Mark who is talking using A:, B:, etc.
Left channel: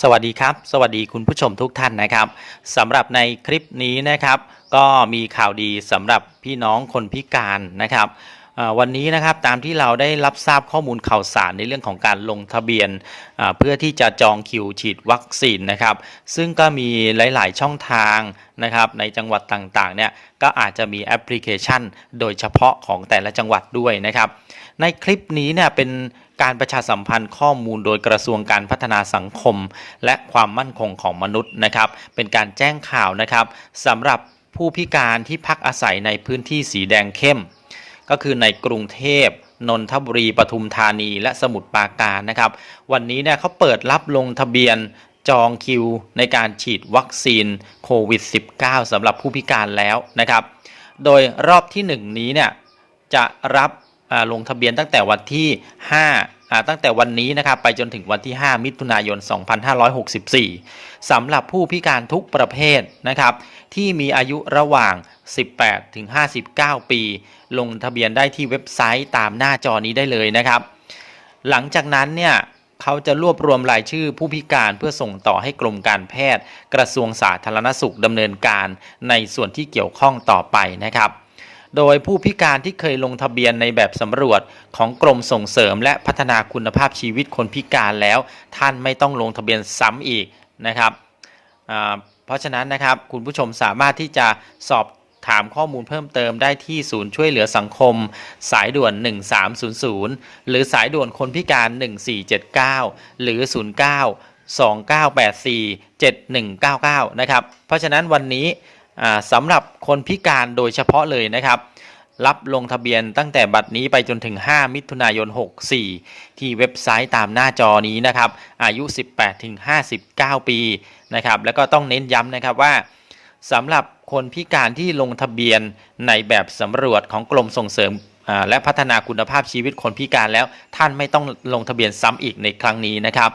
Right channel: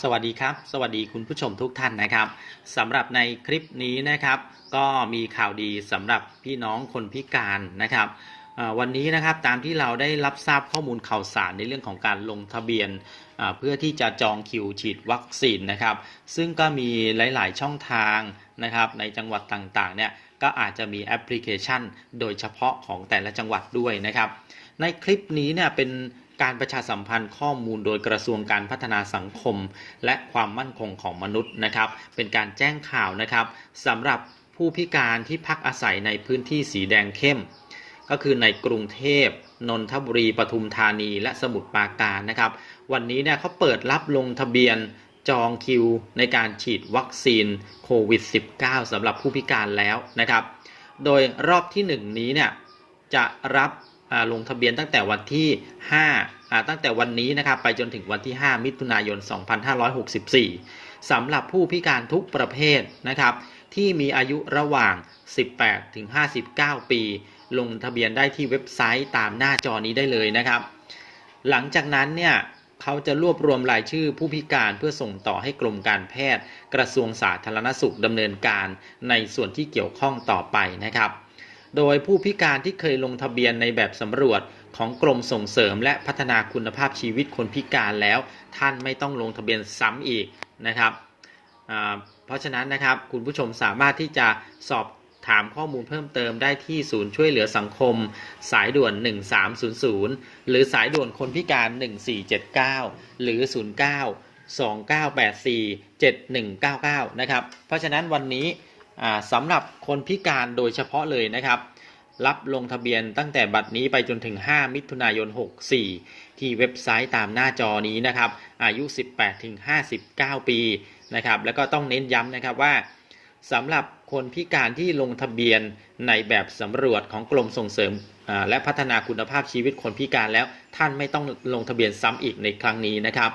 A: สวัสดีครับ สวัสดีคุณผู้ชมทุกท่านนะครับสำหรับในคลิปนี้นะครับ ก็มีข่าวดีสำหรับพี่น้องคนพิการนะครับวันนี้นะครับตามที่เราได้รับทราบข้อมูลข่าวสารในเรื่องของการลงทะเบียนเพื่อที่จะจองคิวฉีดวัคซีนนะครับ ซึ่งก็มีหลาย ๆ ช่องทางนะครับในจังหวัดต่าง ๆ เนี่ยก็อาจจะมีแอปพลิเคชัน โดยเฉพาะของแต่ละจังหวัดด้วยนะครับ ในคลิปนี้เนี่ยเป็น การประชาสัมพันธ์ข้อมูลโดยกระทรวงการพัฒนาสังคม และความมั่นคงของมนุษย์นะครับ เป็นการแจ้งข่าวนะครับสำหรับผู้พิการที่พักอาศัยในพื้นที่สีแดงเข้ม ก็คือในกรุงเทพนนทบุรีปทุมธานี และสมุทรปราการนะครับ วันนี้เนี่ยเขาเปิดรับลงทะเบียนจองคิวในการฉีดวัคซีนโควิด -19 สำหรับผู้พิการแล้วนะครับ โดยรอบที่ 1 นี้เนี่ยจะรับ ลงทะเบียนตั้งแต่วันที่ 5 ตั้งแต่วันนี้นะครับไปจนถึงวันที่ 5 มิถุนายน 2564สำหรับผู้พิการทุกประเภทนะครับที่มีอายุระหว่าง 18 ถึง 59 ปี ลงทะเบียนได้ที่เว็บไซต์ตามหน้าจอนี้ได้เลยนะครับ หลังจากนั้นเนี่ยเขาจะรวบรวมรายชื่อผู้พิการเพื่อส่งต่อให้กรมการแพทย์ กระทรวงสาธารณสุขดำเนินการในส่วนที่เกี่ยวข้องต่อไปนะครับ โดยผู้พิการที่เคยลงทะเบียนในแบบสำรวจของกรมส่งเสริม และพัฒนาคุณภาพชีวิตคนพิการแล้ว ท่านไม่ต้องลงทะเบียนซ้ำอีกนะครับเพราะฉะนั้นนะครับคุณผู้ชมสามารถที่จะสอบถามข้อมูลเพิ่มเติมได้ที่ศูนย์ช่วยเหลือสังคม สายด่วน 1300 หรือสายด่วนคนพิการ 1479 หรือ 09 2984 7199 นะครับ เพราะฉะนั้นวันนี้ สำหรับคนพิการโดยเฉพาะเลยนะครับ รับลงทะเบียนตั้งแต่บัดนี้ไปจนถึง 5 มิถุนายน 64 ที่เว็บไซต์ตามหน้าจอนี้นะครับ อายุ 18 ถึง 59 ปีนะครับ แล้วก็ต้องเน้นย้ำนะครับว่าสำหรับคนพิการที่ลงทะเบียนในแบบสำรวจของกรมส่งเสริมและพัฒนาคุณภาพชีวิตคนพิการแล้วท่านไม่ต้องลงทะเบียนซ้ำอีกในครั้งนี้นะครับ